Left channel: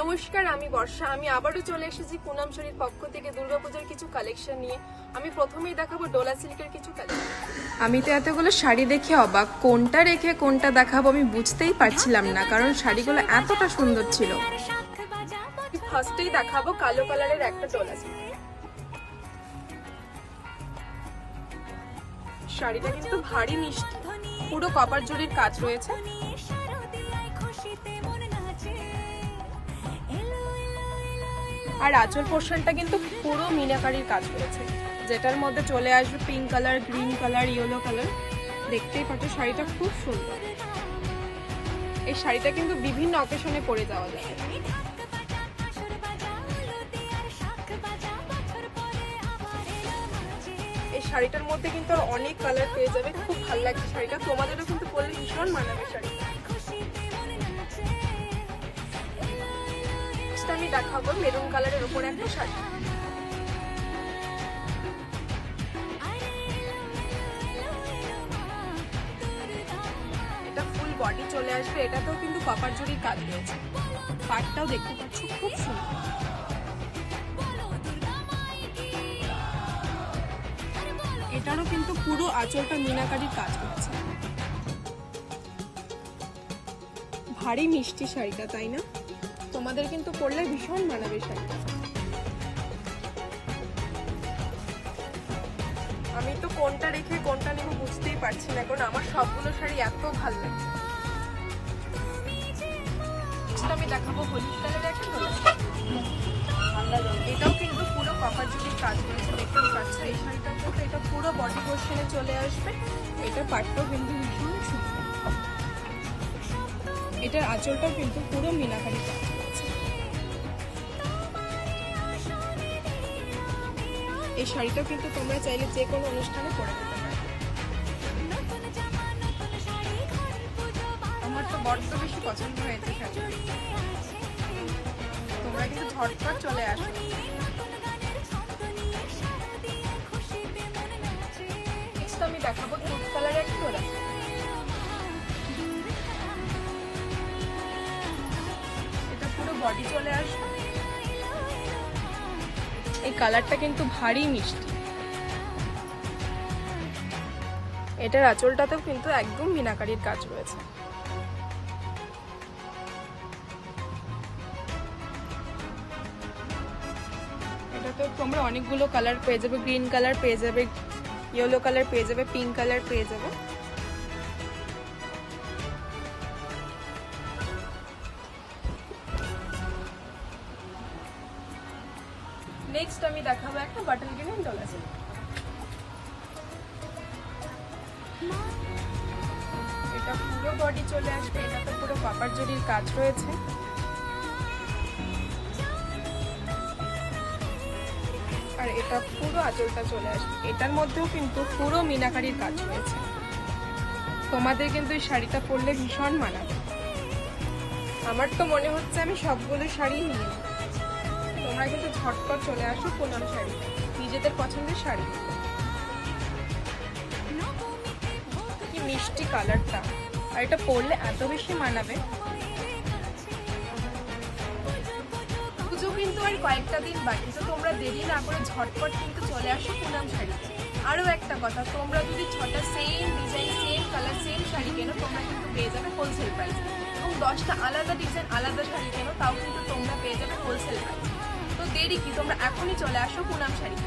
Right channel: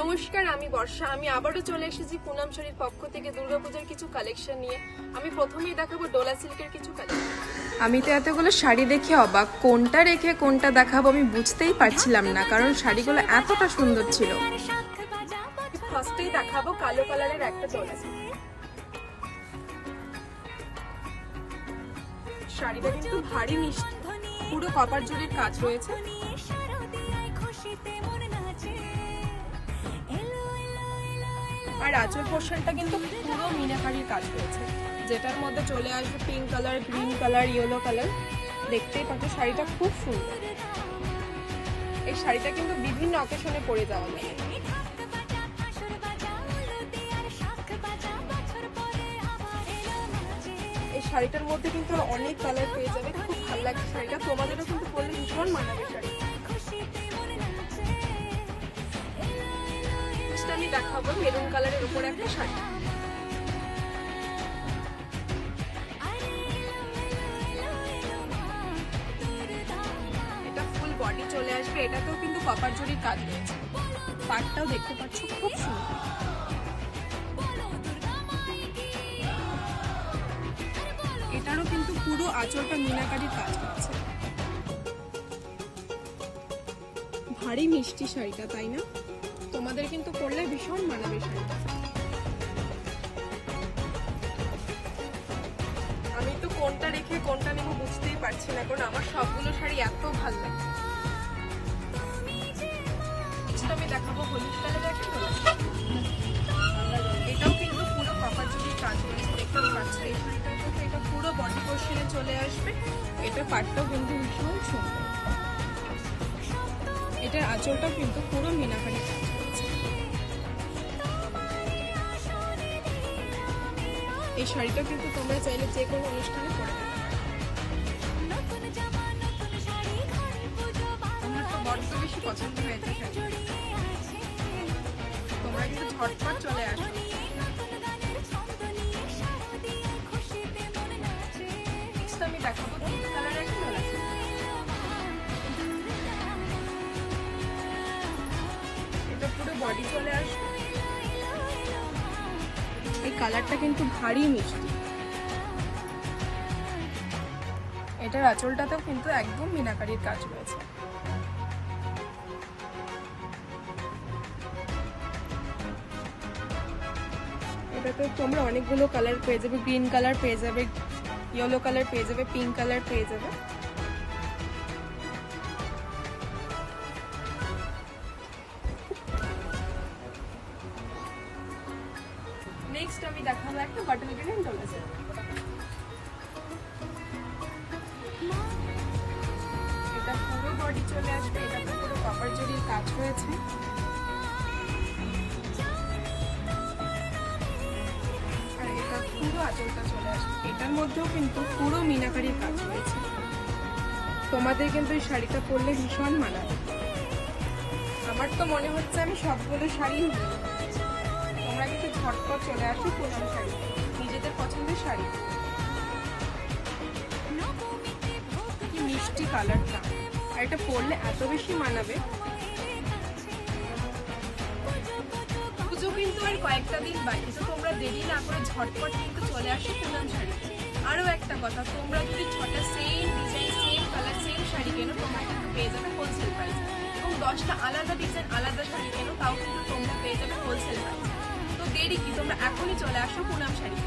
নমস্কার, আমি বর্ষা। আমি আবারও চলে এসেছি পুনাম শাড়ির পক্ষ থেকে দুর্গাপূজার কিছু কালেকশন নিয়ে। আমি প্রথমেই দেখাবো ডোলা সিল্কের কিছু কালেকশন। আমি তো এতগুলো শাড়ি দেখে অবাক, কোনটা রেখে কোনটা দেখাবো আমি বুঝতেই পারছিলাম না, কারণ শাড়িগুলো এতটা সুন্দর ছিল। ফার্স্টেই দেখাবো কালো কালারের একটা ডোলা সিল্ক। শাড়িটা কিন্তু ভারী মিষ্টি, পুরো কপার জরির কাজ রয়েছে। আর আঁচল পোর্শনটা কিন্তু পুরো মিনাকারির কাজ রয়েছে, যেটার মধ্যে চলে আসবে pink colour, green colour, yellow colour. দেখতেই পাচ্ছ শাড়িটা খুব সুন্দর। এই শাড়িটা কিন্তু বিভিন্ন অকেশনে পরে যাওয়া যায়। এই শাড়িটার মধ্যে কিন্তু অনেক কালার পেয়ে যাবে, খুব ভালো লাগছে শাড়িটা। তোমাদেরও কিন্তু পরলে ভীষণ মানাবে শাড়ি। আমি দেখাবো মেরুন কালারের উপর একটা শাড়ি। এটা ফুল বডি চলে আসবে, এটাতেও কিন্তু কপার জরির কাজ রয়েছে। পাটটাও দেখতে পাচ্ছ খুব সুন্দর। এটারও কিন্তু পুরো আঁচলটা মিনাকারির কাজ রয়েছে। ভারী মিষ্টি শাড়িটা, তাই না? তোমাদের কিন্তু পরলে ভীষণ মানাবে শাড়িটা। আমি তো কোনটা রেখে কোনটা নেব বুঝতেই পারছি না, কারণ আমার সবগুলো শাড়ি এত ভালো লাগছে। আমি দেখাবো হলুদ কালারের একটা ডোলা। এটাও কিন্তু পুরো কপার জরির কাজ রয়েছে, দেখতেই পাচ্ছ। এই শাড়িটাও কিন্তু এটা পুরো বডি পোর্শনে চলে আসবে। এটা পাটটাও কিন্তু ভীষণ সুন্দর। এটার আঁচলটাও কিন্তু পুরো মিনাকারি কাজ রয়েছে। এই শাড়িটাও কিন্তু তোমরা চাইলে যে কোনো অনুষ্ঠানে পরে যেতে পারো। আমার তো বড্ড বেশি পছন্দ হয়েছে শাড়ি। তোমরা কিন্তু ঝটপট চলে আসো। আমি দেখাবো পিঙ্ক কালারের একটা ডোলা। এটা পুরো বডি চলে আসবে। এই কালারটা কিন্তু ভারী মিষ্টি। এটার আঁচলটাতেও কিন্তু একদম মিনাকারির কাজ রয়েছে। এটাতে তোমরা অনেকগুলো কালার পেয়ে যাবে, গ্রিন কালার পেয়ে যাবে, ইয়েলো কালার পেয়ে যাবে, পিঙ্ক কালার পেয়ে যাবে। নেক্সট আমি দেখাবো একটা বাটন গ্রিন ডোলা সিল্ক। এটা পুরো বডি চলে আসবে, এটাতে পুরো কপার জরির কাজ রয়েছে। আর এটা পুরো আঁচলটা চলে আসবে, এটার মধ্যেও কিন্তু পুরো মিনাকারির কাজ রয়েছে। তোমাদের কিন্তু এই শাড়িটা পরলে ভীষণ মানাবে। আমার তো মনে হচ্ছে আমি সবগুলো শাড়ি নিই। তোমরা কিন্তু ঝটপট চলে আসো পুনাম শাড়ি, নিজেদের পছন্দের শাড়ি। মিষ্টি কালারটা, আর এটা পরলে এত বেশি মানাবে। পুজো কিন্তু আর কয়েকটা দিন বাকি, তো তোমরা দেরি না করে ঝটপট কিন্তু চলে আসো পুনাম শাড়ি। আরো একটা কথা, তোমরা যদি 6টা same design, same colour, same sari কেনো, তোমরা কিন্তু পেয়ে যাবে হোলসেল প্রাইস। এবং 10টা আলাদা ডিজাইন, আলাদা শাড়ি কেনো, তাও কিন্তু তোমরা পেয়ে যাবে হোলসেল প্রাইস। তো দেরি কি, তোমরা এখনই চলে আসো পুনাম শাড়ি।